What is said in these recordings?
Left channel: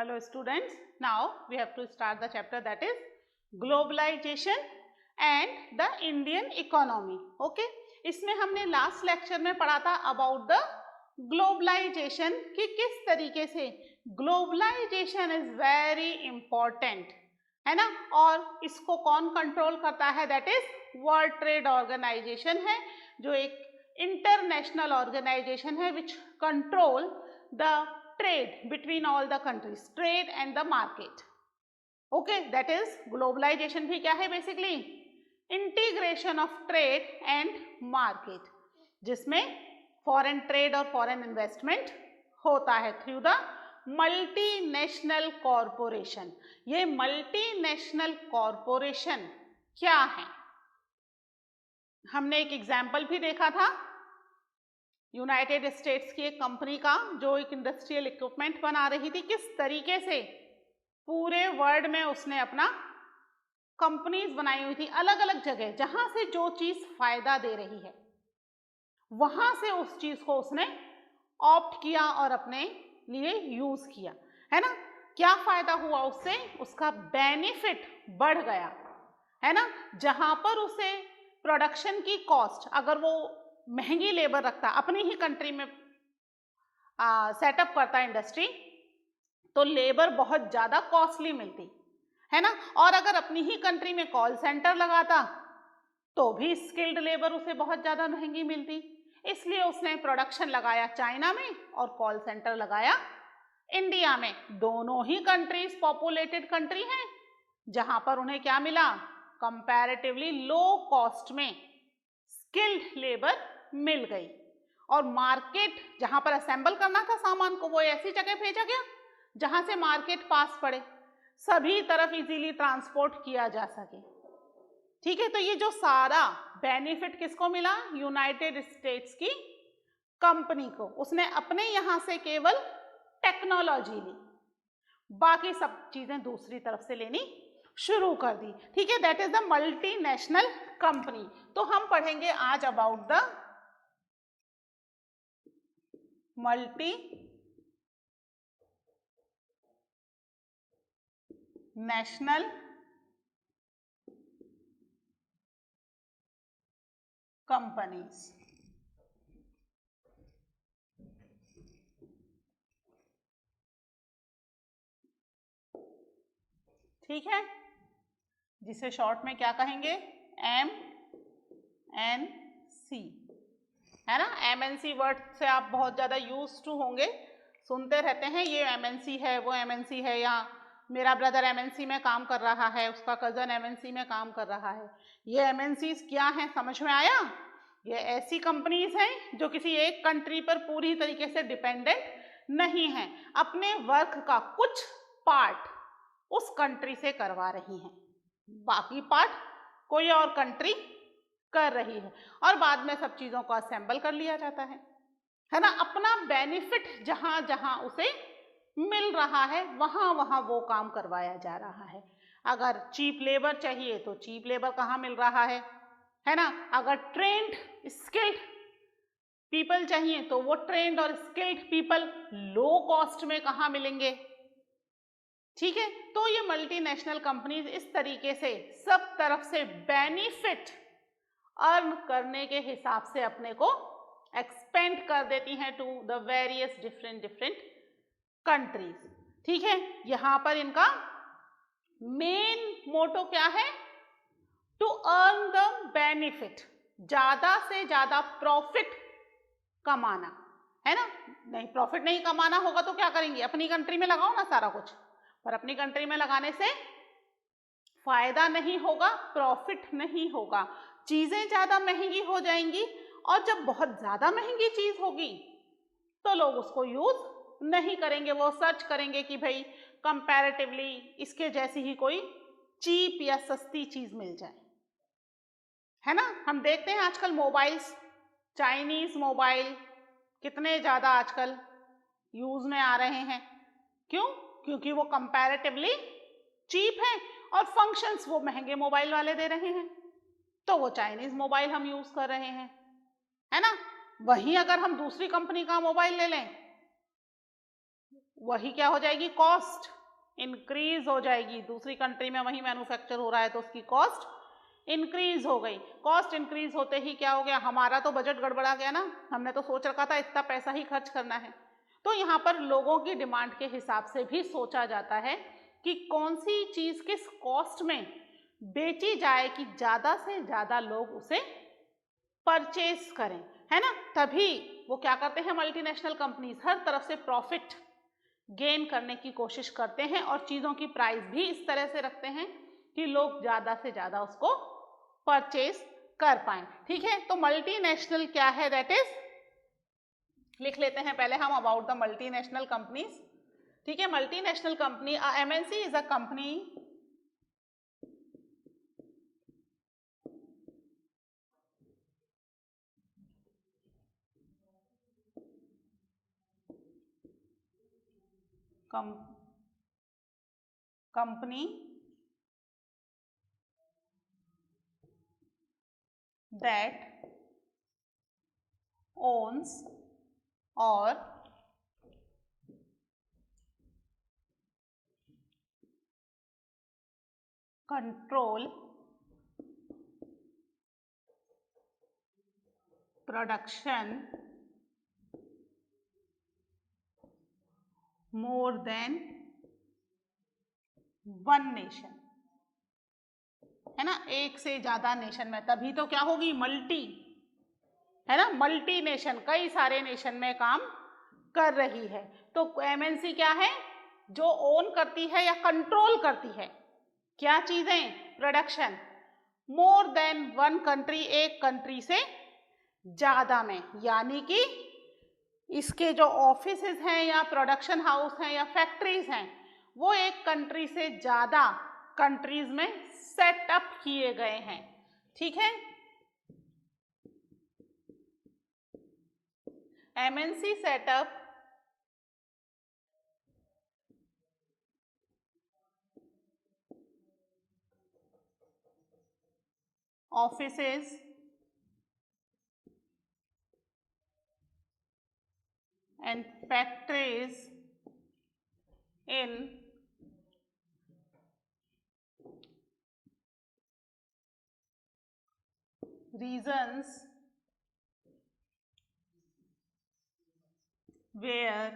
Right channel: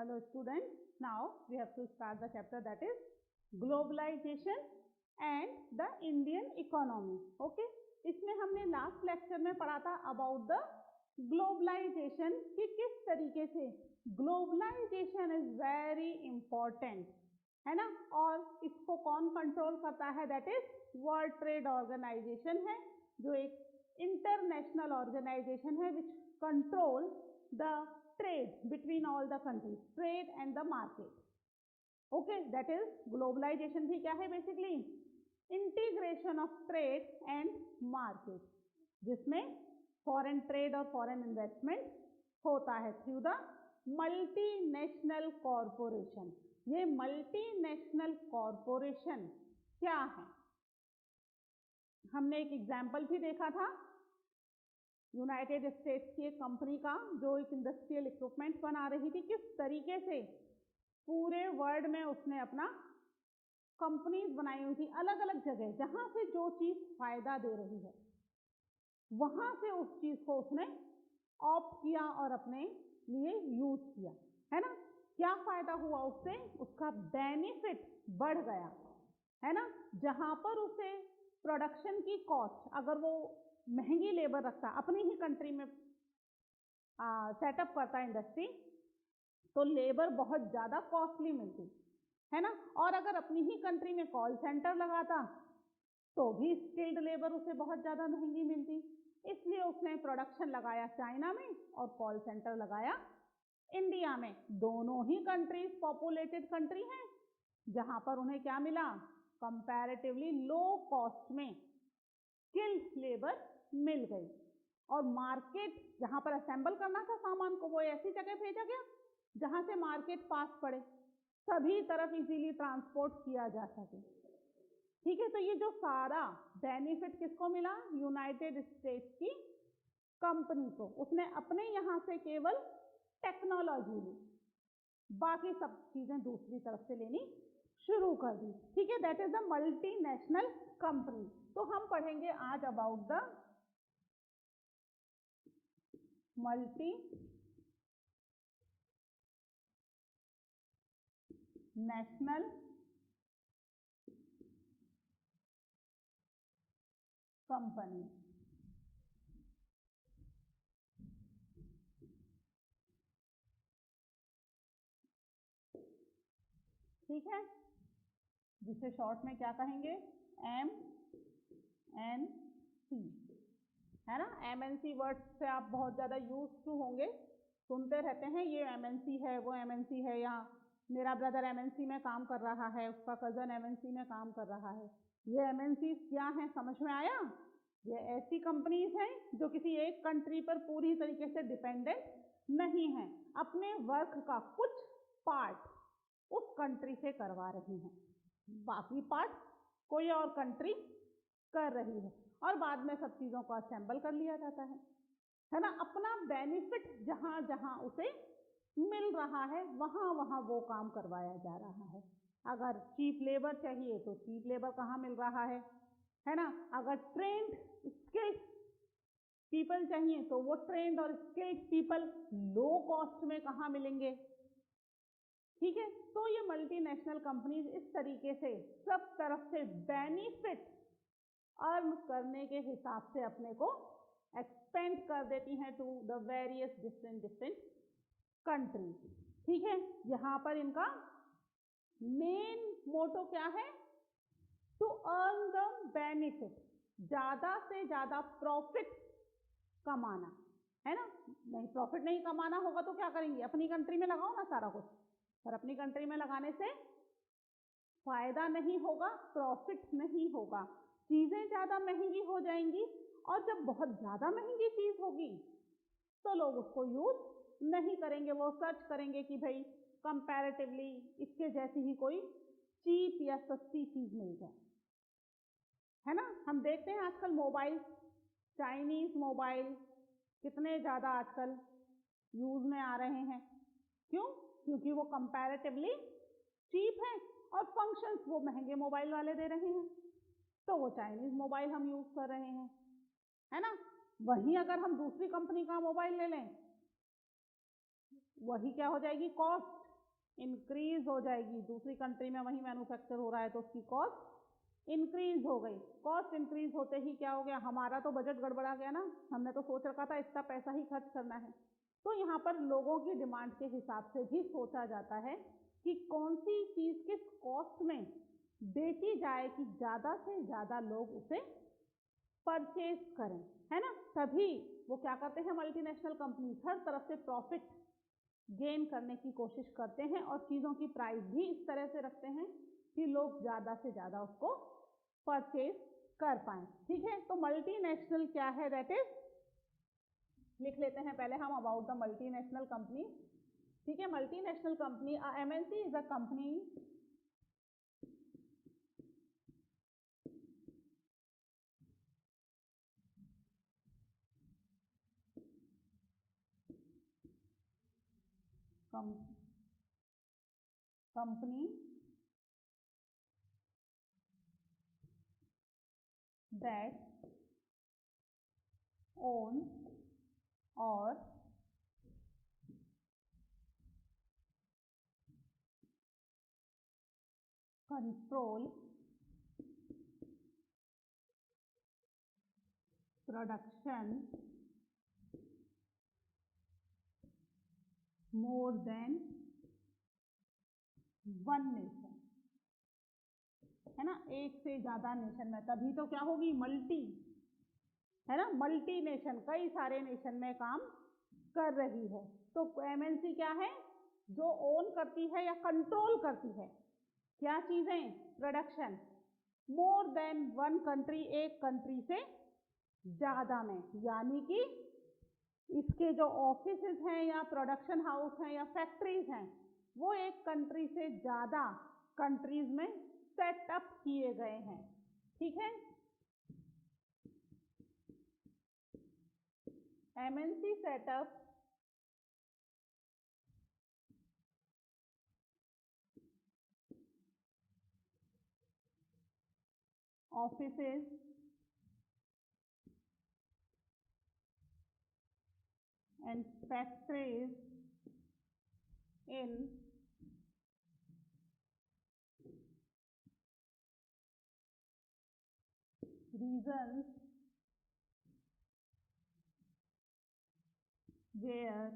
Hello students, now we have to start the chapter that is globalization and the Indian economy. Okay, इसमें हमने last lecture में पढ़ा था about the globalisation कि किस तरीके से ग्लोबलाइजेशन इज वेरी इंपॉर्टेंट है ना, और इसको कौन कंट्रोल करता है, that is World Trade Organization है, जो एक इंटरनेशनल ऑर्गेनाइजेशन है which control the trade between all the countries, trade and the market. Okay, that is globalization भी क्या है basically integration of trade and market, जिसमें foreign trade और foreign investment होता है through the multinational corporation. ये multinational corporation क्या है, हमने एक एग्जाम्पल भी देखा था यूनाइटेड स्टेट्स की एक कंपनी का जो एक इंडस्ट्रियल इक्विपमेंट बना रही थी, किस तरीके से पूरे वर्ल्ड में उसने अपना कंपनीज बनाई हुई थी अलग अलग जगह, जहां से जो चीज फायदा दे रही है वहां से उस चीज को उसने ऑप्ट किया और अपने लिए यूज किया, है ना। क्या फायदा हुआ उससे, उसका बेनिफिट बढ़ गया, है ना। जहां पर उसे प्रोडक्शन की कॉस्ट, अगर वो महंगी लेबर रखता, अपनी ही कंट्री में सेटअप करता इंडस्ट्री, तो लेबर बहुत ज्यादा कॉस्टली मिलती, है ना। और अगर अपनी ही कंट्री में कॉल सेंटर लगाता तो भी स्किल्ड लेबर उसे बहुत ज्यादा महंगी मिलती, इसलिए उसने प्रोडक्शन लगाया चाइना में और कॉल सेंटर लगाया इंडिया में। दोनों ही कंट्रीज पॉपुलेटेड कंट्री हैं, जहां पर उन्हें क्या मिला, कंपैरेटिवली लो कॉस्ट में स्किल्ड लेबर मिल गई, और मार्केट जहां पर असेंबल करना था सामान को, वो ऐसी जगह भेजा गया जहां से मार्केट पास पड़े, सभी तरफ इजीली ट्रांसपोर्ट किया जा सके। ठीक है, तो ये जो सारा बेनिफिट किसको मिला, यूनाइटेड स्टेट्स की कंपनी को। उसने अपने यहां से केवल टेक्नोलॉजी ली, बाकी सब चीजें दूसरी तरफ से लेनी शुरू कर दी। ठीक है, that is the multinational company. तो हम पढ़ेंगे आज about the multi national companies. ठीक है, जिसे शॉर्ट में क्या कहेंगे, MNC, है ना। MNC वर्ड से आप बहुत ज्यादा यूज टू होंगे, सुनते रहते हैं, ये MNC है, वो MNC है, या मेरा ब्रदर MNC में काम कर रहा है, उसका कजन MNC में काम कर रहा है। ये MNCs क्या हैं, समझ में आया। ये ऐसी कंपनीज हैं जो किसी एक कंट्री पर पूरी तरीके से डिपेंडेंट नहीं हैं, अपने वर्क का कुछ पार्ट उस कंट्री से करवा रही हैं, बाकी पार्ट कोई और कंट्री कर रही है, और बाद में सब चीजों को असेंबल कर लिया जाता है ना। अपना बेनिफिट जहां जहां उसे मिल रहा है वहां वहां वो काम करवाया जा रहा है। अगर चीप लेबर चाहिए तो चीप लेबर कहाँ मिल रहा है ना। अगर ट्रेंड स्किल्ड पीपल चाहिए तो वो ट्रेंड और स्किल्ड पीपल लो कॉस्ट में कहाँ मिलेंगे। ठीक है, तो ये मल्टीनेशनल कंपनीज इस तरीके से सब तरफ से बेनिफिट अर्न करने के हिसाब से अपने को एक्सपेंड कर देती हैं to the various different countries. ठीक है, यहां पर इनका मेन मोटो क्या है, टू अर्न द बेनिफिट, ज्यादा से ज्यादा प्रॉफिट कमाना, है ना। नहीं, प्रॉफिट नहीं कमाना होगा तो क्या करेंगे, अपनी कंट्री में लगाओ ना सारा कुछ, पर अपनी कंट्री में लगाने से फायदा नहीं होगा, प्रॉफिट नहीं होगा, चीजें ज्यादा महंगी हो जाएंगी, और जब बहुत ज्यादा महंगी चीज होगी तो लोग उसको यूज नहीं करेंगे, वो सर्च करेंगे कि भाई कंपैरेटिवली इसके जैसी ही कोई चीप या सस्ती चीज मिल जाए, है ना। हम देखते हैं आजकल मोबाइल्स, चाइनीज मोबाइल कितने ज्यादा आजकल यूज में आ रहे हैं, क्यों, क्योंकि वो कंपैरेटिवली चीप है और फंक्शंस वो महंगे मोबाइल वाले दे रहे हैं, तो वो चाइनीज मोबाइल हम यूज कर रहे हैं, है ना। वहीं अगर हम दूसरी कंपनी का मोबाइल ले लें, वही क्या हो जाएगी, कॉस्ट इंक्रीज हो जाएगी। दूसरी कंट्री में वही मैन्युफैक्चर हो रहा है तो उसकी कॉस्ट इंक्रीज हो गई। कॉस्ट इंक्रीज होते ही क्या हो गया, हमारा तो बजट गड़बड़ा गया ना, हमने तो सोच रखा था इतना पैसा ही खर्च करना है। तो यहाँ पर लोगों की डिमांड के हिसाब से भी सोचा जाता है कि कौन सी चीज किस कॉस्ट में बेची जाए कि ज्यादा से ज्यादा लोग उसे परचेज करें, है ना। तभी वो क्या करते हैं, मल्टीनेशनल कंपनीज हर तरफ से प्रॉफिट गेन करने की कोशिश करते हैं और चीजों की प्राइस भी इस तरह से रखते हैं कि लोग ज्यादा से ज्यादा उसको परचेज कर पाएं। ठीक है, तो मल्टीनेशनल क्या है, दैट इज, लिख लेते हैं पहले हम अबाउट द मल्टीनेशनल कंपनीज। ठीक है, multinational company, MNC is a company company that owns or control production more than one nation, है ना, एक से ज्यादा नेशन में, तभी तो क्या होगी, मल्टी, है ना, मल्टी नेशन, कई सारे नेशन में काम कर रही है। तो एमएनसी क्या है, जो ओन करती है या कंट्रोल करती है क्या चीजें, production more than one country, एक कंट्री से ज्यादा में, यानी कि इसके जो ऑफिसेज हैं या प्रोडक्शन हाउस हैं या फैक्ट्रीज हैं वो एक कंट्री से ज्यादा कंट्रीज में सेटअप किए गए हैं। ठीक है, MNC setup offices and factories in regions where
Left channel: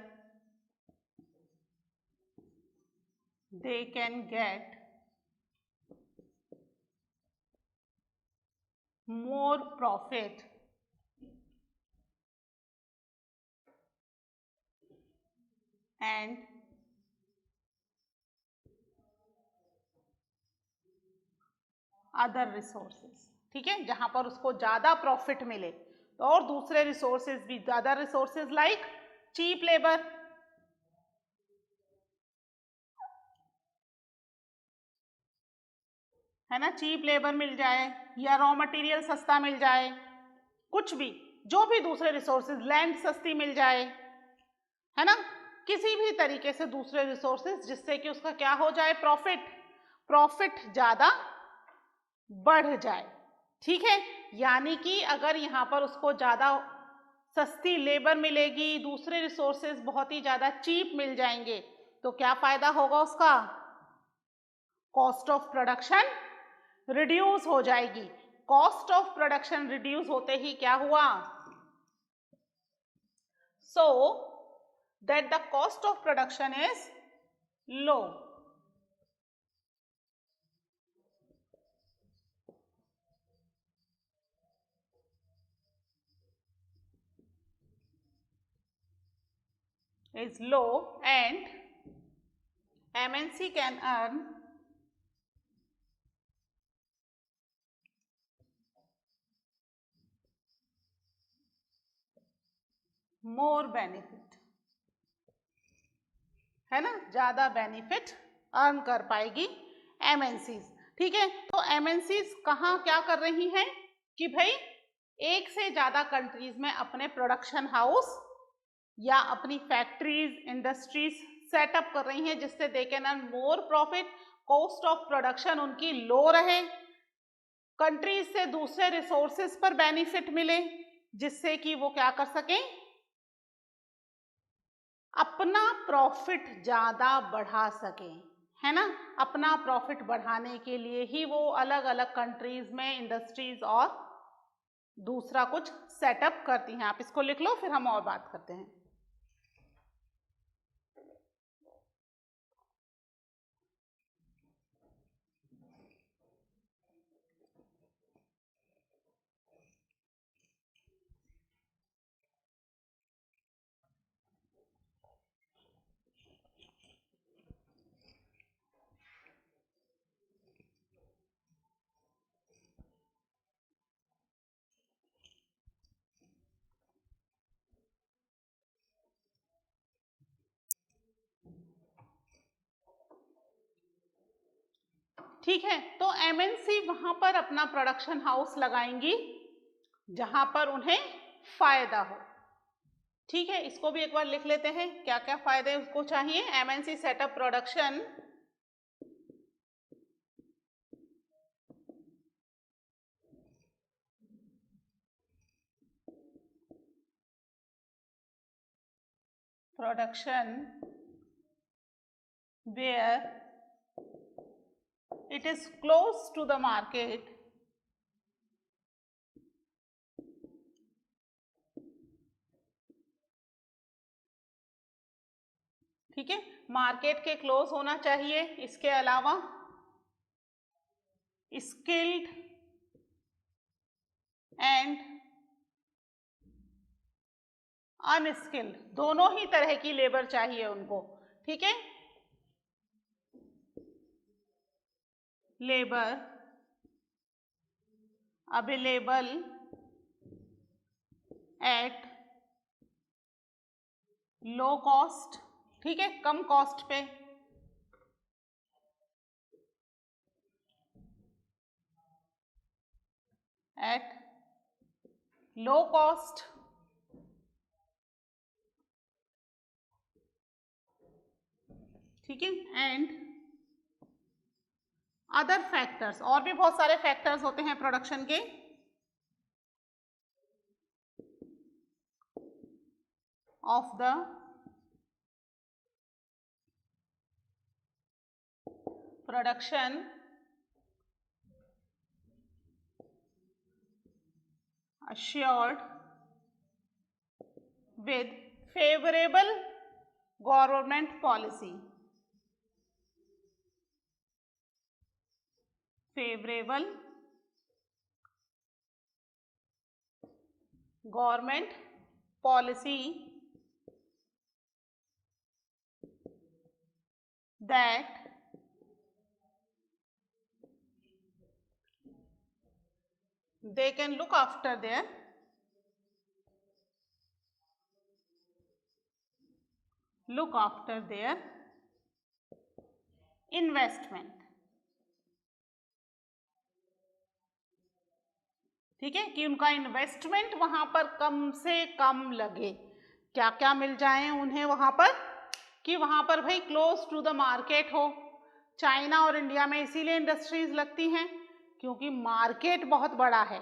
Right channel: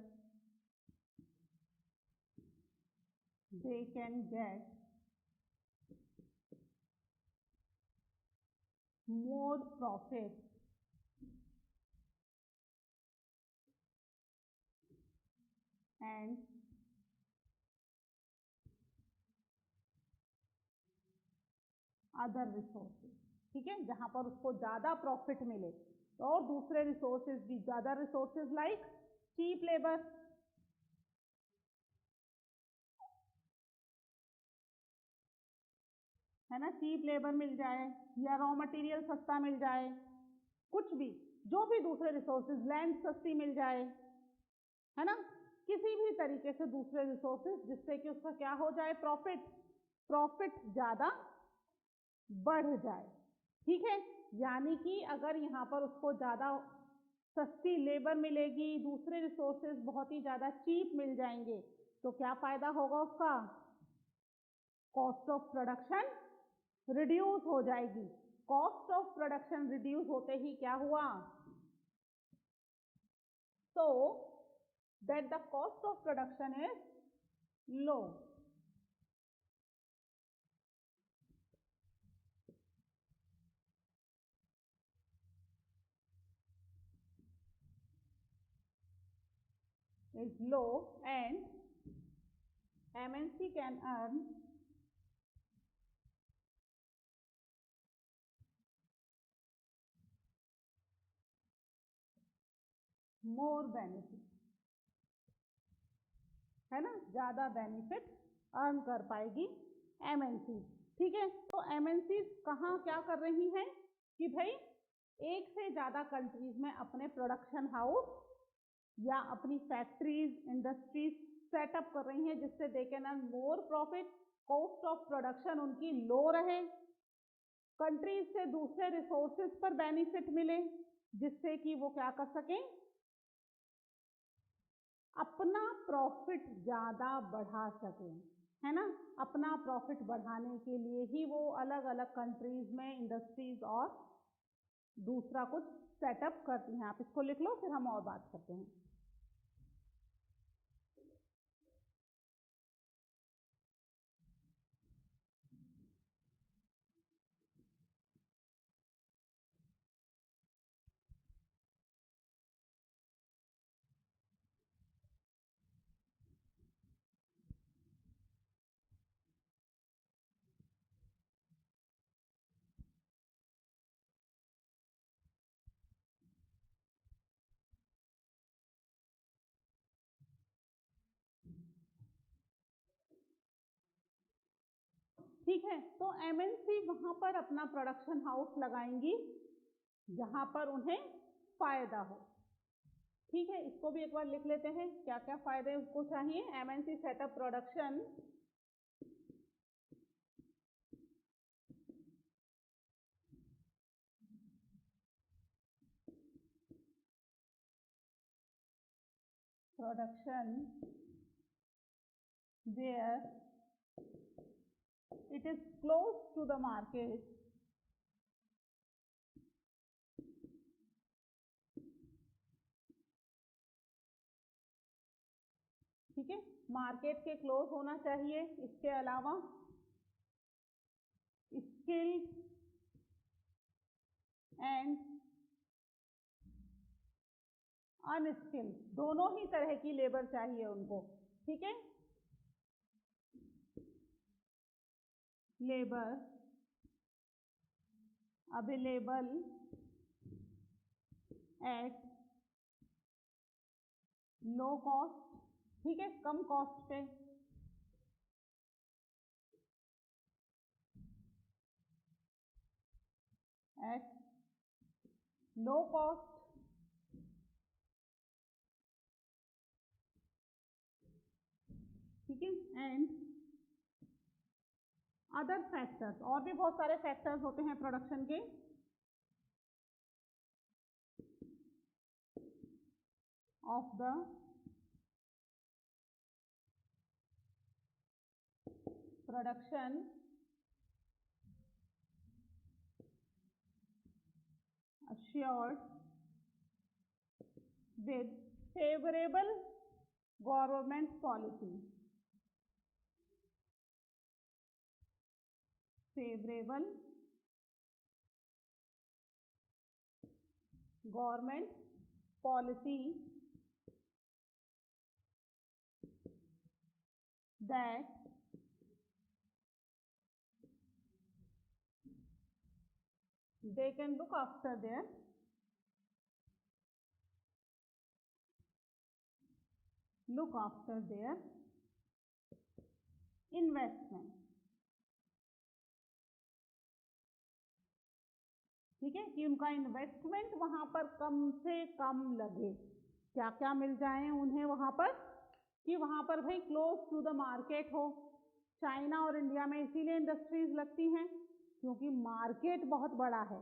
they can get more profit and other resources. ठीक है, जहां पर उसको ज्यादा प्रॉफिट मिले तो और दूसरे रिसोर्सेज भी, other resources like cheap labour, है ना, चीप लेबर मिल जाए या रॉ मटेरियल सस्ता मिल जाए, कुछ भी, जो भी दूसरे रिसोर्सेज, लैंड सस्ती मिल जाए, है ना, किसी भी तरीके से दूसरे रिसोर्सेज जिससे कि उसका क्या हो जाए, प्रॉफिट ज्यादा बढ़ जाए। ठीक है, यानी कि अगर यहाँ पर उसको ज्यादा सस्ती लेबर मिलेगी, दूसरे रिसोर्सेज बहुत ही ज्यादा चीप मिल जाएंगे, तो क्या फायदा होगा उसका, कॉस्ट ऑफ प्रोडक्शन रिड्यूस हो जाएगी। कॉस्ट ऑफ प्रोडक्शन रिड्यूस होते ही क्या हुआ, so that the cost of production is low, and MNC can earn more benefit, है ना, ज्यादा बेनिफिट अर्न कर पाएगी एमएनसीज। ठीक है, तो एमएनसीज कहाँ क्या कर रही हैं कि भाई एक से ज्यादा कंट्रीज में अपने प्रोडक्शन हाउस या अपनी फैक्ट्रीज, इंडस्ट्रीज सेटअप कर रही हैं जिससे they can earn more profit, cost of production उनकी लो रहे, कंट्रीज से दूसरे रिसोर्सेज पर बेनिफिट मिले जिससे कि वो क्या कर सकें, अपना प्रॉफिट ज़्यादा बढ़ा सकें, है ना। अपना प्रॉफिट बढ़ाने के लिए ही वो अलग अलग कंट्रीज में इंडस्ट्रीज और दूसरा कुछ सेटअप करती हैं। आप इसको लिख लो, फिर हम और बात करते हैं। ठीक है, तो एमएनसी वहां पर अपना प्रोडक्शन हाउस लगाएंगी जहां पर उन्हें फायदा हो। ठीक है, इसको भी एक बार लिख लेते हैं, क्या क्या फायदे उसको चाहिए। MNC setup production where it is close to the market ठीक है, मार्केट के क्लोज होना चाहिए। इसके अलावा स्किल्ड एंड अनस्किल्ड दोनों ही तरह की लेबर चाहिए उनको। ठीक है, labour available at low cost, ठीक है, कम कॉस्ट पे। एट लो कॉस्ट, ठीक है, एंड अदर फैक्टर्स, और भी बहुत सारे फैक्टर्स होते हैं प्रोडक्शन के। Of the production assured with favorable government policy, favorable government policy that they can look after their investment. ठीक है, कि उनका इन्वेस्टमेंट वहां पर कम से कम लगे। क्या क्या मिल जाए उन्हें वहां पर, कि वहां पर भाई क्लोज टू द मार्केट हो। चाइना और इंडिया में इसीलिए इंडस्ट्रीज लगती हैं क्योंकि मार्केट बहुत बड़ा है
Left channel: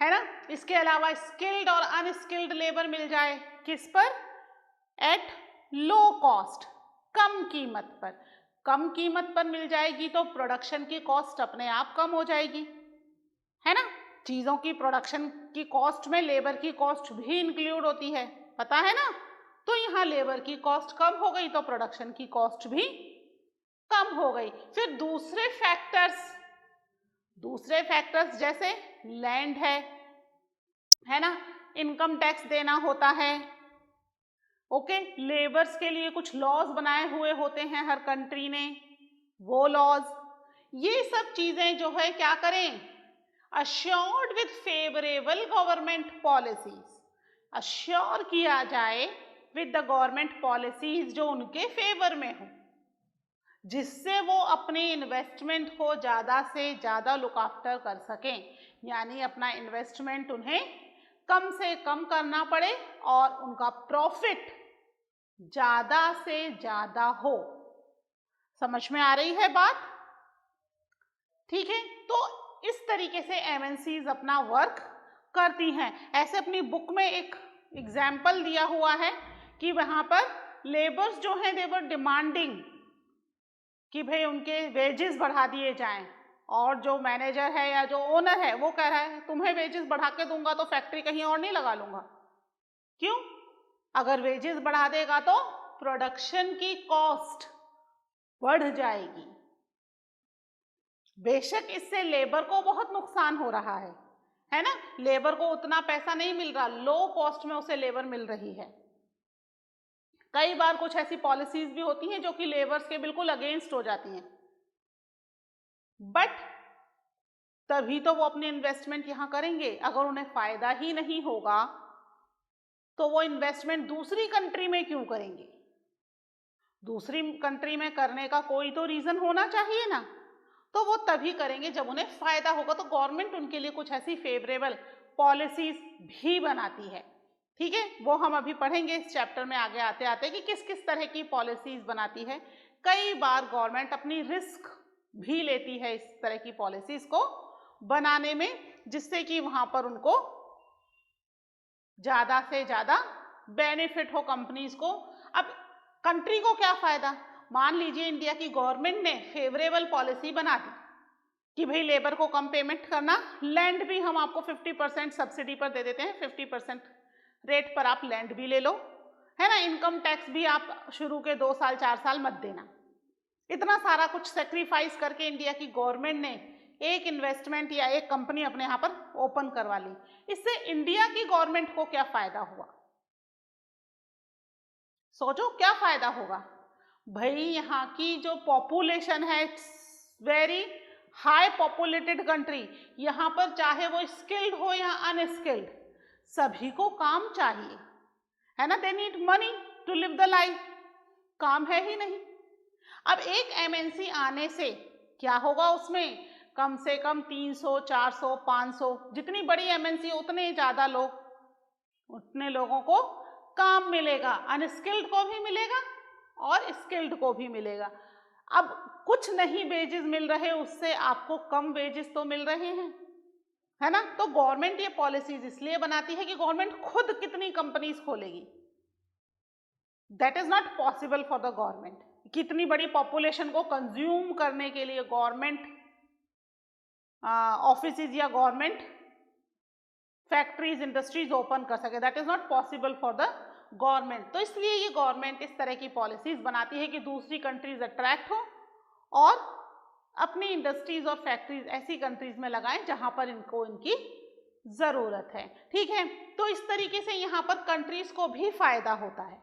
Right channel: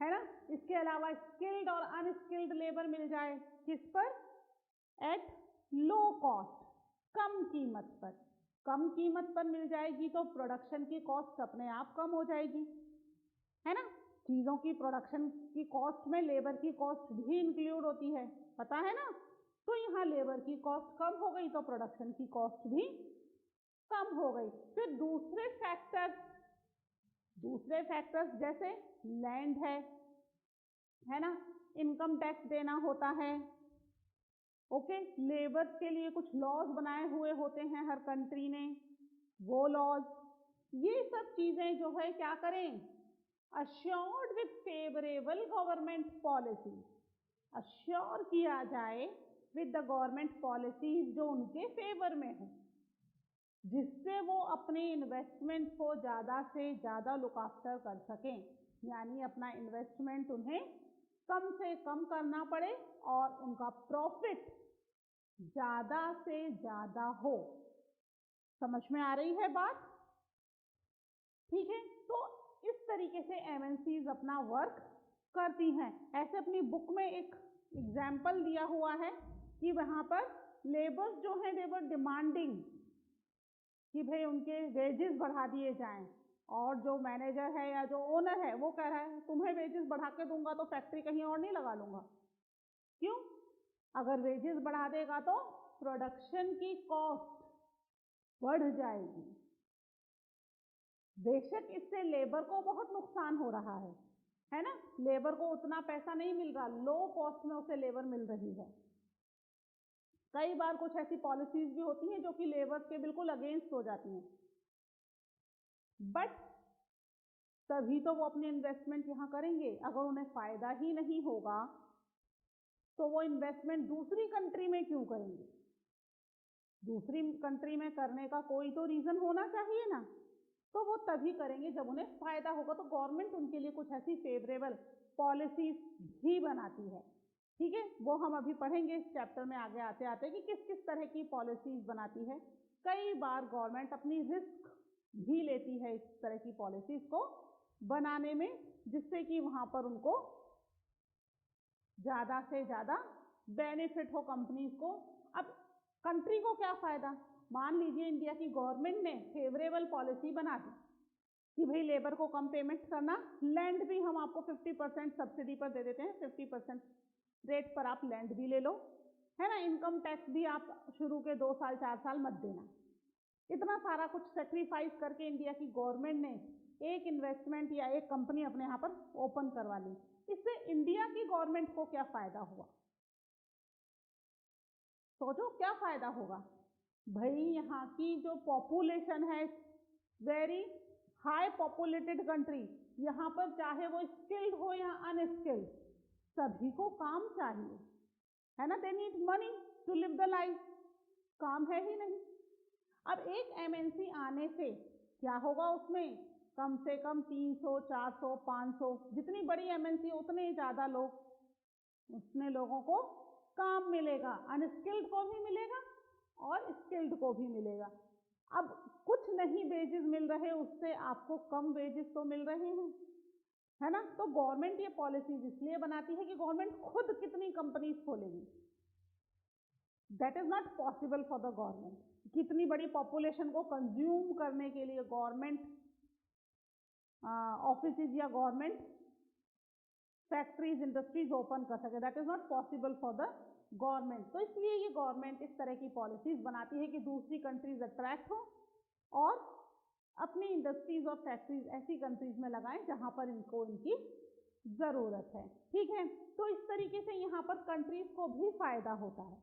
ना। इसके अलावा स्किल्ड और अनस्किल्ड लेबर मिल जाए, किस पर, एट लो कॉस्ट, कम कीमत पर। कम कीमत पर मिल जाएगी तो प्रोडक्शन की कॉस्ट अपने आप कम हो जाएगी, है ना। चीजों की प्रोडक्शन की कॉस्ट में लेबर की कॉस्ट भी इंक्लूड होती है, पता है ना। तो यहाँ लेबर की कॉस्ट कम हो गई तो प्रोडक्शन की कॉस्ट भी कम हो गई। फिर दूसरे फैक्टर्स जैसे लैंड है ना, इनकम टैक्स देना होता है। ओके, लेबर्स के लिए कुछ लॉज बनाए हुए होते हैं हर कंट्री ने, वो लॉज, ये सब चीजें जो है क्या करें, assured with favourable government policies, assure किया जाए विद द गवर्नमेंट पॉलिसीज जो उनके फेवर में हो, जिससे वो अपने इन्वेस्टमेंट को ज़्यादा से ज़्यादा लुक आफ्टर कर सकें। यानी अपना इन्वेस्टमेंट उन्हें कम से कम करना पड़े और उनका प्रॉफिट ज़्यादा से ज़्यादा हो। समझ में आ रही है बात? ठीक है, तो इस तरीके से एमएनसीज अपना वर्क करती हैं। ऐसे अपनी बुक में एक एग्जाम्पल दिया हुआ है कि वहां पर लेबर्स जो हैं दे वर डिमांडिंग कि भाई उनके वेजेस बढ़ा दिए जाएं, और जो मैनेजर है या जो ओनर है वो कह रहा है तुम्हें वेजेस बढ़ा के दूंगा तो फैक्ट्री कहीं और नहीं लगा लूंगा। क्यों? अगर वेजेस बढ़ा देगा तो प्रोडक्शन की कॉस्ट बढ़ जाएगी। बेशक इससे लेबर को बहुत नुकसान हो रहा है ना, लेबर को उतना पैसा नहीं मिल रहा, लो कॉस्ट में उसे लेबर मिल रही है। कई बार कुछ ऐसी पॉलिसीज भी होती हैं जो कि लेबर्स के बिल्कुल अगेंस्ट हो जाती हैं, बट तभी तो वो अपनी इन्वेस्टमेंट यहां करेंगे। अगर उन्हें फायदा ही नहीं होगा तो वो इन्वेस्टमेंट दूसरी कंट्री में क्यों करेंगे? दूसरी कंट्री में करने का कोई तो रीजन होना चाहिए ना, तो वो तभी करेंगे जब उन्हें फायदा होगा। तो गवर्नमेंट उनके लिए कुछ ऐसी फेवरेबल पॉलिसीज भी बनाती है, ठीक है, वो हम अभी पढ़ेंगे इस चैप्टर में आगे आते आते कि किस किस तरह की पॉलिसीज बनाती है। कई बार गवर्नमेंट अपनी रिस्क भी लेती है इस तरह की पॉलिसीज को बनाने में, जिससे कि वहां पर उनको ज्यादा से ज्यादा बेनिफिट हो कंपनीज को। अब कंट्री को क्या फायदा? मान लीजिए इंडिया की गवर्नमेंट ने फेवरेबल पॉलिसी बना दी कि भाई लेबर को कम पेमेंट करना, लैंड भी हम आपको 50% सब्सिडी पर दे देते हैं, 50% रेट पर आप लैंड भी ले लो, है ना, इनकम टैक्स भी आप शुरू के 2 साल 4 साल मत देना। इतना सारा कुछ सेक्रीफाइस करके इंडिया की गवर्नमेंट ने एक इन्वेस्टमेंट या एक कंपनी अपने यहाँ पर ओपन करवा ली। इससे इंडिया की गवर्नमेंट को क्या फायदा हुआ? सोचो क्या फायदा होगा। भाई यहाँ की जो पॉपुलेशन है, वेरी हाई पॉपुलेटेड कंट्री, यहाँ पर चाहे वो स्किल्ड हो या अनस्किल्ड सभी को काम चाहिए, है ना, they need money to live the life, काम है ही नहीं। अब एक एमएनसी आने से क्या होगा? उसमें कम से कम 300, 400, 500, जितनी बड़ी एमएनसी उतने ज्यादा लोग, उतने लोगों को काम मिलेगा, अनस्किल्ड को भी मिलेगा और स्किल्ड को भी मिलेगा। अब कुछ नहीं वेजेस मिल रहे, उससे आपको कम वेजेस तो मिल रहे हैं, है ना। तो गवर्नमेंट ये पॉलिसीज इसलिए बनाती है कि गवर्नमेंट खुद कितनी कंपनीज खोलेगी, that is not possible for the government. कितनी बड़ी पॉपुलेशन को कंज्यूम करने के लिए गवर्नमेंट ऑफिसेज या गवर्नमेंट फैक्ट्रीज, इंडस्ट्रीज ओपन कर सके, that is not possible for the government. तो इसलिए ये गवर्नमेंट इस तरह की पॉलिसीज बनाती है कि दूसरी कंट्रीज अट्रैक्ट हो और अपनी इंडस्ट्रीज और फैक्ट्रीज ऐसी कंट्रीज में लगाएं जहां पर इनको इनकी जरूरत है, ठीक है। तो इस तरीके से यहाँ पर कंट्रीज को भी फायदा होता है।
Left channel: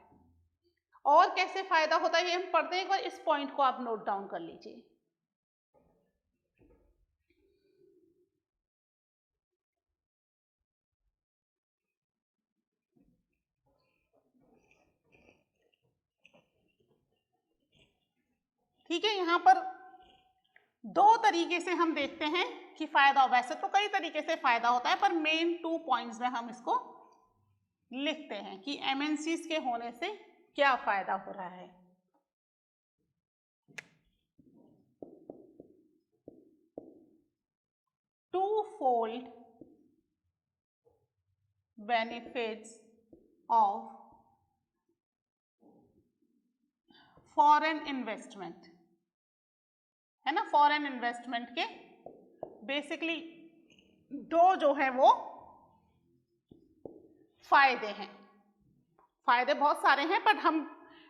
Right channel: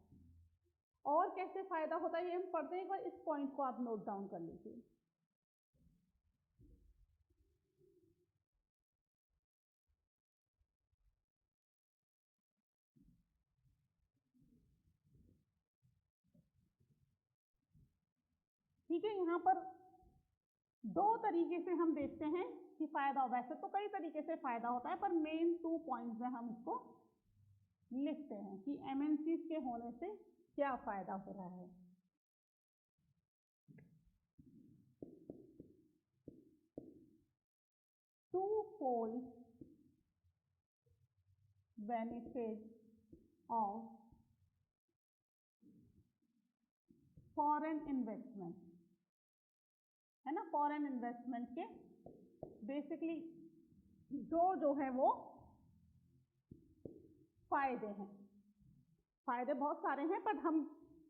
और कैसे फायदा होता है ये हम पढ़ते हैं, एक बार इस पॉइंट को आप नोट डाउन कर लीजिए। ठीक है, यहाँ पर दो तरीके से हम देखते हैं कि फायदा, वैसे तो कई तरीके से फायदा होता है पर मेन 2 पॉइंट्स में हम इसको लिखते हैं कि एमएनसीज के होने से क्या फायदा हो रहा है। Twofold benefits of foreign investment, है ना। फॉरेन इन्वेस्टमेंट के बेसिकली दो जो है वो फायदे हैं। फायदे बहुत सारे हैं पर हम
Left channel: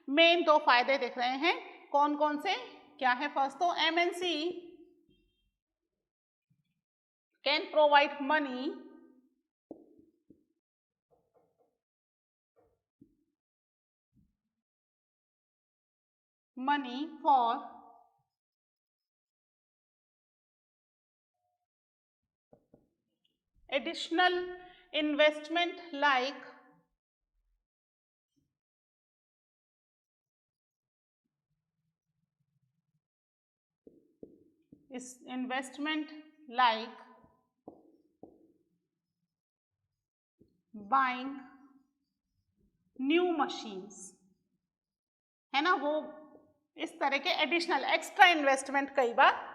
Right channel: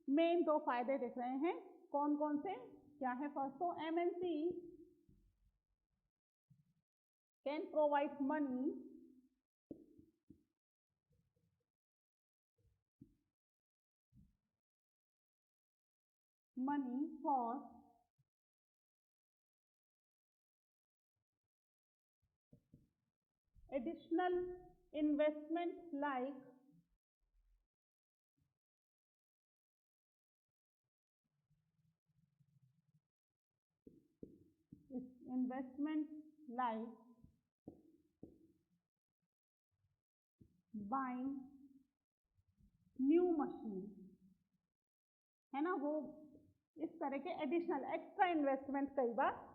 मेन 2 फायदे देख रहे हैं। कौन कौन से, क्या है? फर्स्ट तो MNC can provide money for additional investment like buying new machines, है ना। वो इस तरह के एडिशनल एक्स्ट्रा इन्वेस्टमेंट कई बार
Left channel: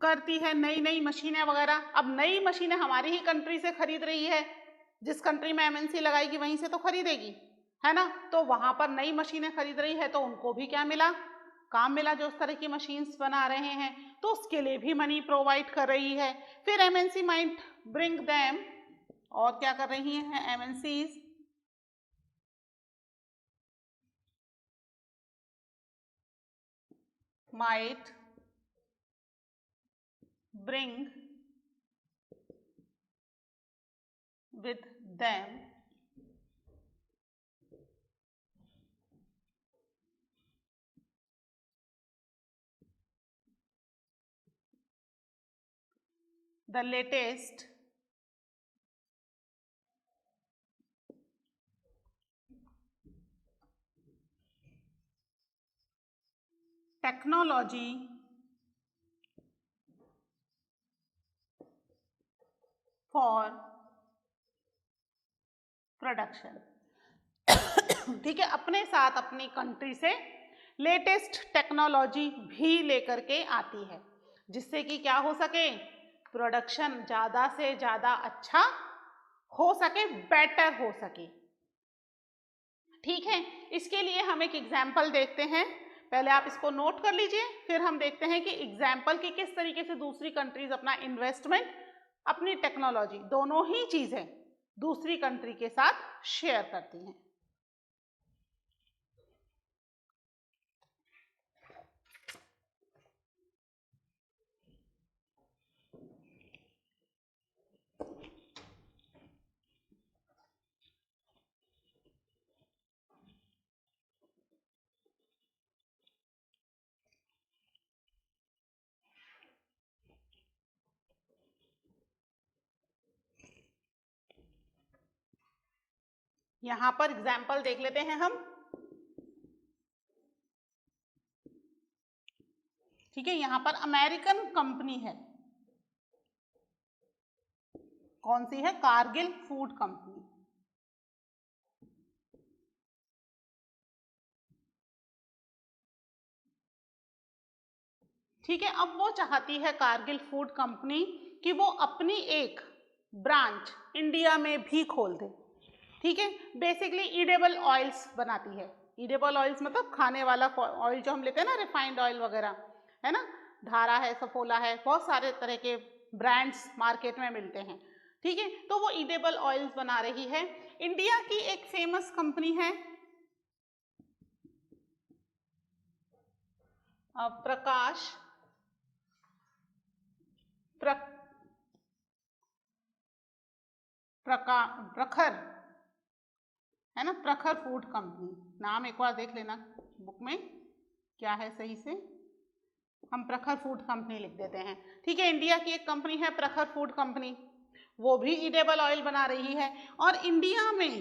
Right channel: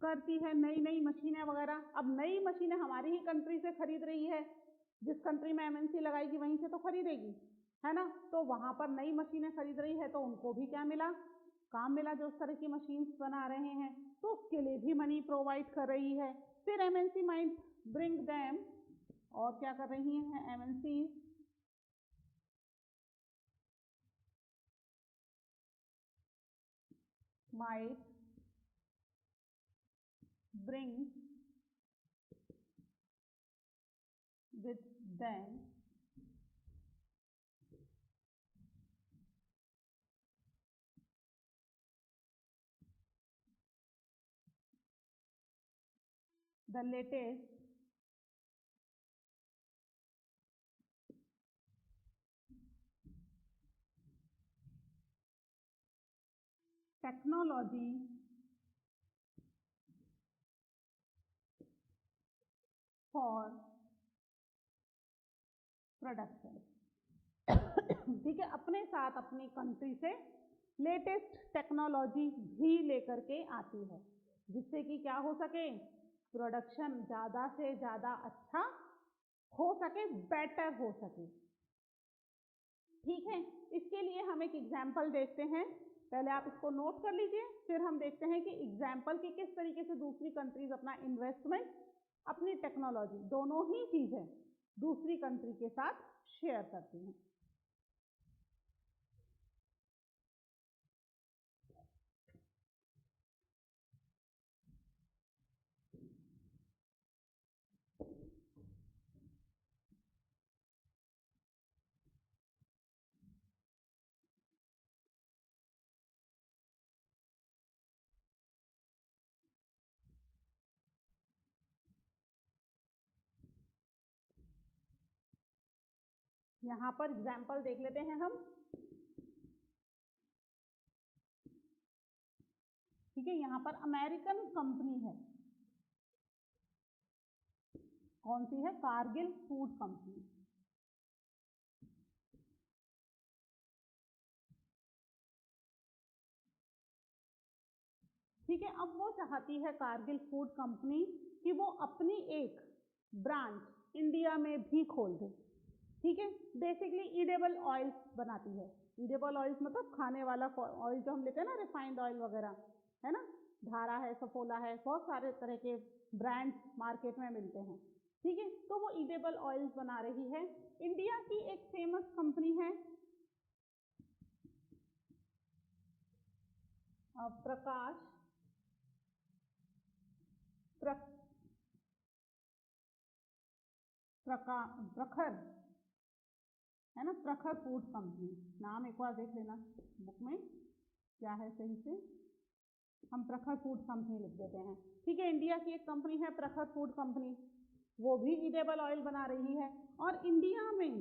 करती है, नई नई मशीनें वगैरह। अब नई मशीनें हमारी ही कंट्री से खरीद रही है, जिस कंट्री में एमएनसी लगाएगी वहीं से तो खरीदेगी, है ना। तो वहां पर नई मशीनें खरीद रही है तो उनको भी क्या मिला, काम मिला, जो उस तरह की मशीन्स बना रहे हैं, तो उसके लिए भी मनी प्रोवाइड कर रही है। फिर एमएनसी माइट ब्रिंग देम, और क्या कर रही हैं MNCs, might bring with them the latest technology for production. ठीक है, अपने साथ अपनी कंट्री से लेटेस्ट टेक्नोलॉजी भी लेकर के आती है, जिससे कि क्या हो सके, प्रोडक्शन ज़्यादा से ज़्यादा अच्छा हो सके, बेटर हो सके। ठीक है, इसके लिए हम एक एग्जाम्पल देखते हैं, पहले आप इसको नोट कर लीजिए, फिर हम देखते हैं कि एग्जाम्पल की किस तरीके से दूसरी कंट्रीज अपना इन्वेस्टमेंट, अपनी टेक्नोलॉजी, दोनों ही चीज़ें दूसरी कंट्री के साथ शेयर करती हैं। यहां पर एग्जाम्पल देख लेते हैं हम। ठीक है, यहां पर अमेरिकन कंपनी है, कौन सी है, कारगिल फूड कंपनी। ठीक है, अब वो चाहती है कारगिल फूड कंपनी कि वो अपनी एक ब्रांच इंडिया में भी खोल दे। ठीक है, बेसिकली ईडेबल ऑयल्स बनाती है, ईडेबल ऑयल्स मतलब खाने वाला ऑयल जो हम लेते हैं ना, रिफाइंड ऑयल वगैरह, है ना, धारा है, सफोला है, बहुत सारे तरह के ब्रांड्स मार्केट में मिलते हैं। ठीक है, तो वो ईडेबल ऑयल्स बना रही है। इंडिया की एक फेमस कंपनी है प्रकाश प्रखर, है ना, प्रखर फूड कंपनी, नाम एक बार देख लेना बुक में क्या है सही से, हम प्रखर फूड कंपनी लिख देते हैं। ठीक है, इंडिया की एक कंपनी है प्रखर फूड कंपनी, वो भी ईडेबल ऑयल बना रही है, और इंडिया में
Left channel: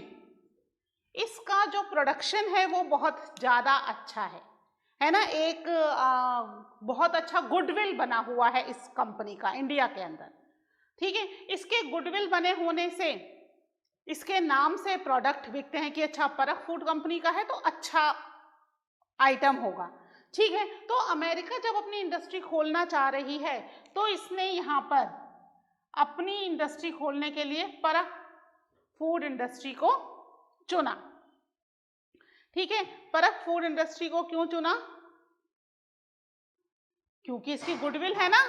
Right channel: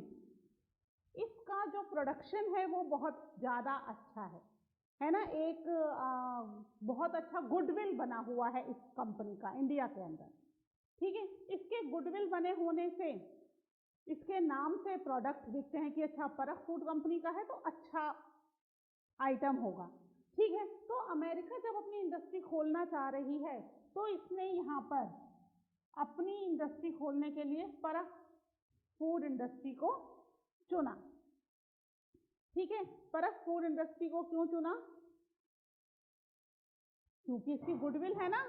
इसका जो प्रोडक्शन है वो बहुत ज़्यादा अच्छा है ना, एक बहुत अच्छा गुडविल बना हुआ है इस कंपनी का इंडिया के अंदर। ठीक है, इसके गुडविल बने होने से, इसके नाम से प्रोडक्ट बिकते हैं कि अच्छा परख फूड कंपनी का है तो अच्छा आइटम होगा। ठीक है, तो अमेरिका जब अपनी इंडस्ट्री खोलना चाह रही है तो इसने यहाँ पर अपनी इंडस्ट्री खोलने के लिए परख फूड इंडस्ट्री को चुना। ठीक है, परख फूड इंडस्ट्री को क्यों चुना, क्योंकि इसकी गुडविल है ना,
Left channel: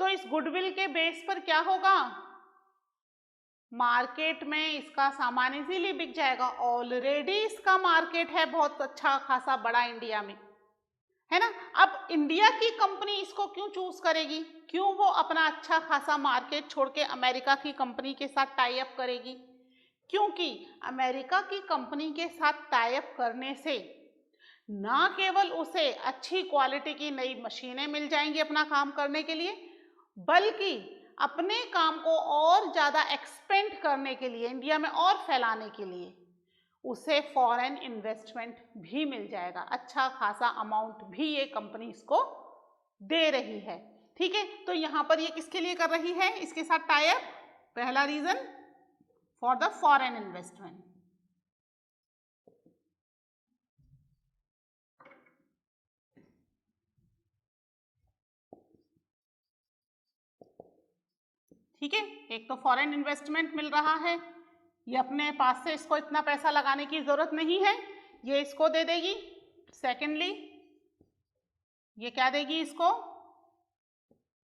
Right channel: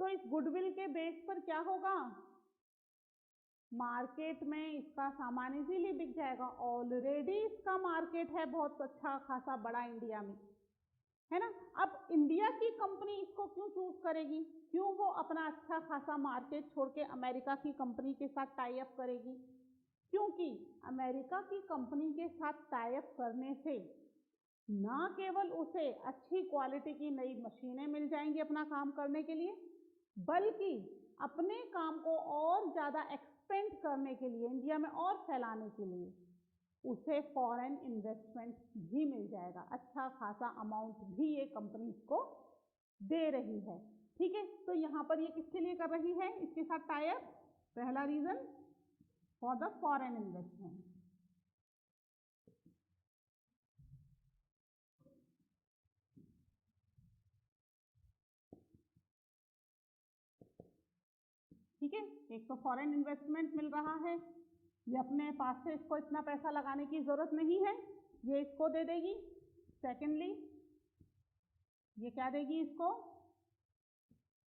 तो इस गुडविल के बेस पर क्या होगा, मार्केट में इसका सामान इजीली बिक जाएगा, ऑलरेडी इसका मार्केट है बहुत अच्छा खासा बड़ा इंडिया में, है ना। अब इंडिया की कंपनी इसको क्यों चूज करेगी, क्यों वो अपना अच्छा खासा मार्केट छोड़ के अमेरिका की कंपनी के साथ टाई अप करेगी, क्योंकि अमेरिका की कंपनी के साथ टाई अप करने से ना केवल उसे अच्छी क्वालिटी की नई मशीनें मिल जाएंगी अपना काम करने के लिए, बल्कि अपने काम को और ज़्यादा एक्सपेंड करने के लिए, इंडिया में और फैलाने के लिए उसे फॉरेन इन्वेस्टमेंट भी मिल जाएगा, अच्छा खासा अमाउंट भी ये कंपनी इसको दे रही है। ठीक है, तो यहाँ पर ये किसके लिए कर रही है, इसके साथ टाई अप, पहला reason for the foreign investment. ठीक है, एक तो फॉरेन इन्वेस्टमेंट मिल रहा है, ये अपने पास से इसको इतना पैसा लगाने की जरूरत नहीं है, ये इसको दे देगी। सेकेंडली ये क्या देगी इसको,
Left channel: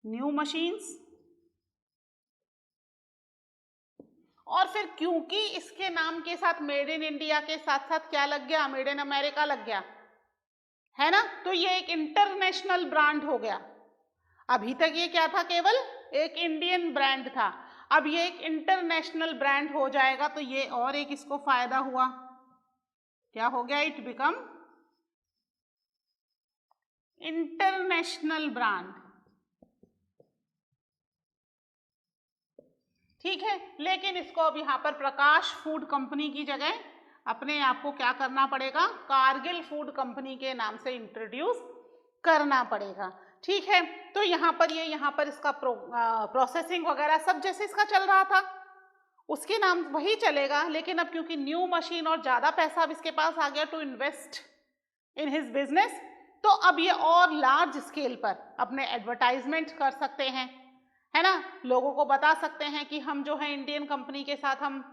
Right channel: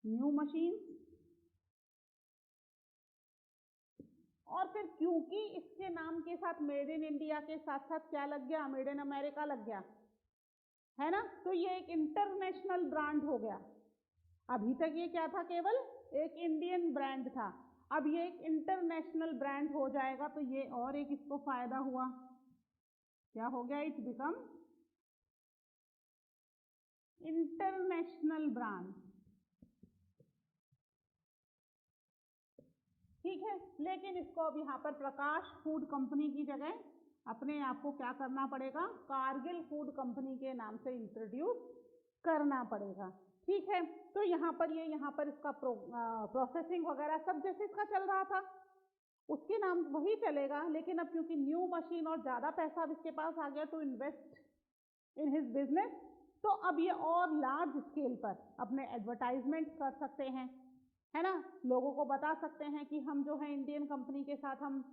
न्यू मशीन्स। और फिर क्योंकि इसके नाम के साथ मेड इन इंडिया के साथ साथ क्या लग गया, मेड इन अमेरिका लग गया, है ना, तो ये एक इंटरनेशनल ब्रांड हो गया। अभी तक ये क्या था, केवल एक इंडियन ब्रांड था, अब ये एक इंटरनेशनल ब्रांड हो जाएगा, तो ये और एक इसको फायदा हुआ, क्या हो गया, इट बिकम इंटरनेशनल ब्रांड। ठीक है, लेकिन इसको अब यहाँ पर प्रकाश फूड कंपनी की जगह अपने आप को क्या करना पड़ेगा, कारगिल फूड कंपनी के नाम से इंट्रोड्यूस करना पड़ेगा। ठीक है, तो यहाँ पर इसका प्रोसेसिंग वगैरह सब जैसे इसका चल रहा था उसके नाम वही चलेगा, लेकिन अब क्योंकि न्यू मशीन और ज़्यादा पैसा अब इसके पास आ गया to invest in his business, तो अब ये और लार्ज स्केल पर अपने एडवर्टाइजमेंट कर सकते हैं, है ना, लोगों को बता सकते हैं कि हम जो है इंडियन कंपनी के साथ हम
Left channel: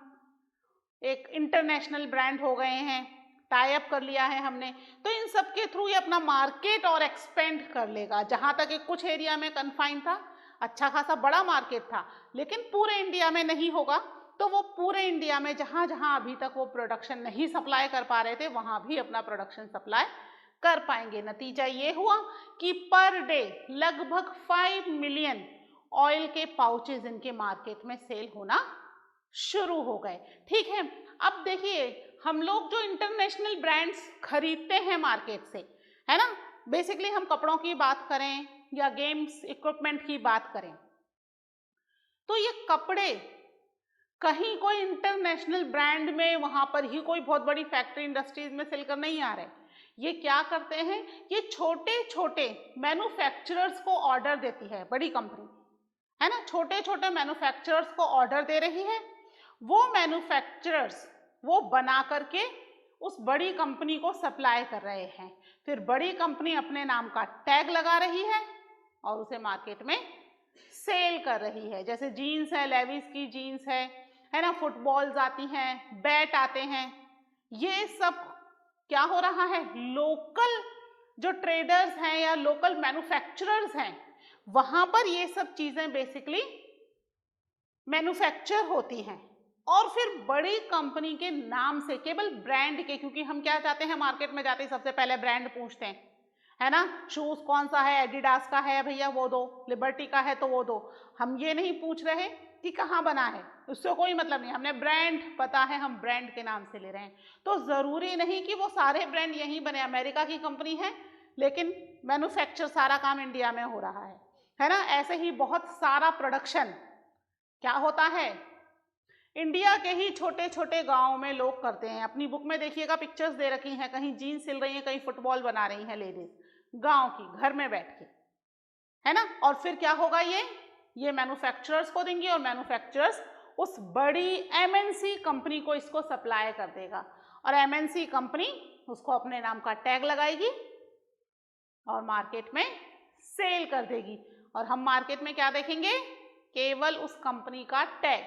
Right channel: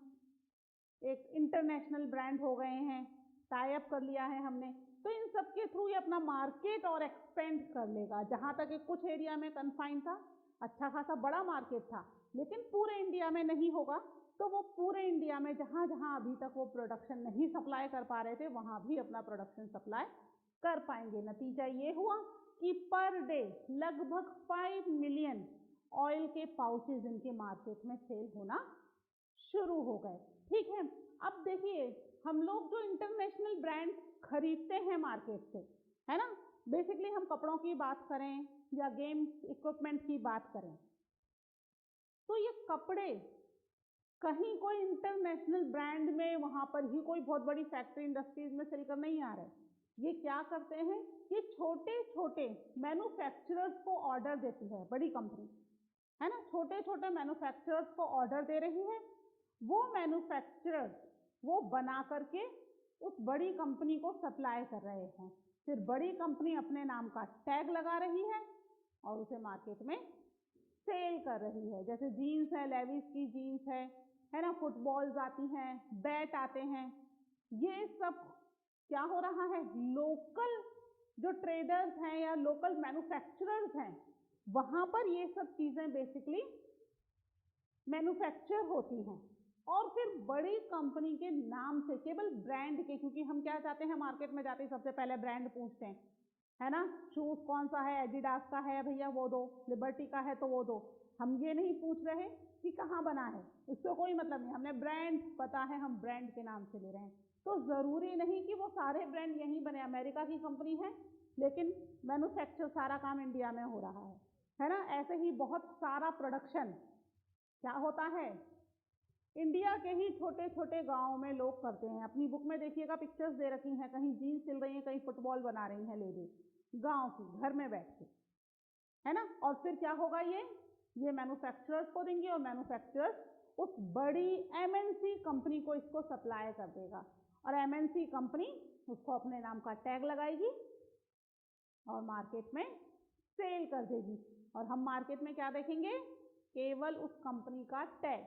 एक इंटरनेशनल ब्रांड हो गए हैं, टाई अप कर लिया है हमने, तो इन सब के थ्रू ये अपना मार्केट और एक्सपेंड कर लेगा। जहाँ तक एक कुछ एरिया में कन्फाइन था, अच्छा खासा बड़ा मार्केट था, लेकिन पूरे इंडिया में नहीं होगा, तो वो पूरे इंडिया में जहाँ जहाँ अभी तक वो प्रोडक्शन नहीं सप्लाई कर पा रहे थे वहाँ भी अपना प्रोडक्शन सप्लाई कर पाएंगे। नतीजा ये हुआ कि पर डे लगभग 5 मिलियन ऑयल के पाउचेज इनके मार्केट में सेल होना शुरू हो गए। ठीक है, अब देखिए हम लोग जो इंटरनेशनल ब्रांड्स खरीदते हैं मार्केट से, है ना, बेसिकली हम कपड़ों की बात करें या गेम्स इक्विपमेंट की बात करें, तो ये कपड़े कहीं कोई इंटरनेशनल ब्रांड में वहां पर ही कोई बहुत बड़ी फैक्ट्री इंडस्ट्रीज में सेल कर नहीं आ रहे। ये क्या करते हैं, ये छोटे छोटे मैन्युफैक्चरर्स को ऑर्डर देती है बड़ी कंपनी, है ना, छोटे छोटे मैन्युफैक्चरर्स को ऑर्डर दे रही है, वो मैन्युफैक्चरर्स वो बना करके उस बड़ी कंपनी को सप्लाई कर रहे हैं, फिर बड़ी कंपनी अपने नाम का टैग लगा रही है और उसे मार्केट में सेल कर रही है। जैसे जीन्स है, लेविस की जीन्स है ना, फुटबॉल्स आती हैं, बैट आते हैं, ये सब क्या हो रहा है, लोकल जो ट्रेडर्स हैं या लोकल मैन्युफैक्चरर्स हैं वहां पर ये सब चीजें बेसिकली मैन्युफैक्चर होती हैं, और फिर बड़ी कंपनी के नाम से केवल ब्रांड के, क्योंकि हम क्या चाहते हैं, मार्केट में जाते ही सबसे पहले ब्रांड पूछते हैं, है ना, शूज कौन सा है, एडिडास का है भैया वो दो, लिबर्टी का है तो वो दो, हम ये नहीं पूछ रहे कि कहाँ बना है, उससे कोई मतलब नहीं, हमने ब्रांड पता है, हम ब्रांड के नाम से ले रहे हैं। तो जरूरी नहीं कि वो सारे ब्रांड यहीं बने, अमेरिका की कंपनी है लेकिन मैन्युफैक्चर सारा काम इंडिया में हो रहा है ना, ऐसे ही बहुत सारा प्रोडक्शन क्या होता है, इंडिया के ही छोटे छोटे गांव में लोग करते हैं। अपनी बुक में देखिएगा पिक्चर्स दे रखी हैं, कहीं जीन्स सिल रही हैं, कहीं फुटबॉल बना रही हैं लेडीज, गांव की, घर में बैठ के, है ना, और फिर क्या होगा, ये मैन्युफैक्चरर्स को देंगे और मैन्युफैक्चरर्स उस बड़ी एमएनसी कंपनी को इसको सप्लाई कर देगा, और एमएनसी कंपनी उसको अपने नाम का टैग लगाएगी और मार्केट में सेल कर देगी, और हम मार्केट में क्या देखेंगे, केवल उस कंपनी का टैग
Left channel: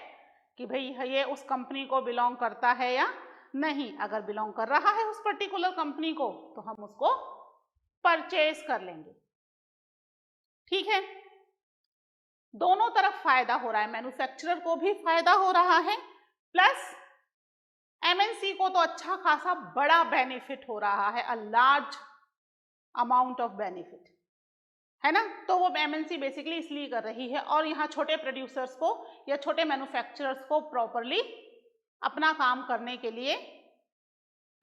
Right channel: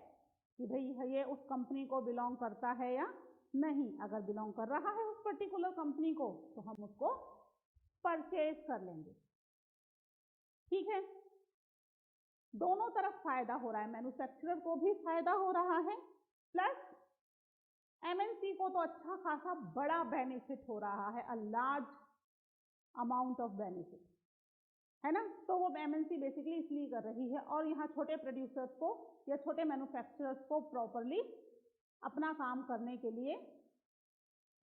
कि भाई ये उस कंपनी को बिलोंग करता है या नहीं। अगर बिलोंग कर रहा है उस पर्टिकुलर कंपनी को तो हम उसको परचेज कर लेंगे। ठीक है, दोनों तरफ फायदा हो रहा है, मैन्युफैक्चरर को भी फायदा हो रहा है प्लस एमएनसी को तो अच्छा खासा बड़ा बेनिफिट हो रहा है, a large amount of benefit, है ना। तो वो एमएनसी बेसिकली इसलिए कर रही है, और यहाँ छोटे प्रोड्यूसर्स को या छोटे मैन्युफैक्चरर्स को प्रॉपरली अपना काम करने के लिए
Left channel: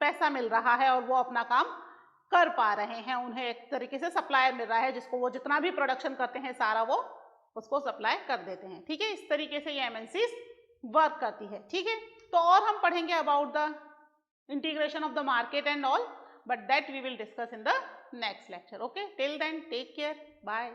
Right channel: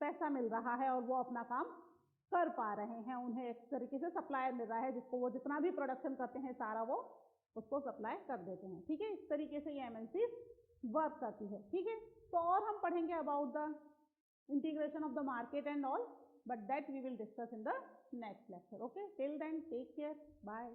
पैसा मिल रहा है और वो अपना काम कर पा रहे हैं, उन्हें एक तरीके से सप्लायर मिल रहा है जिसको वो जितना भी प्रोडक्शन करते हैं सारा वो उसको सप्लाई कर देते हैं। ठीक है, इस तरीके से ये एमएनसी वर्क करती है। ठीक है, तो और हम पढ़ेंगे about the integration of the market and all, but that we will discuss in the next lecture. Okay, till then take care, bye.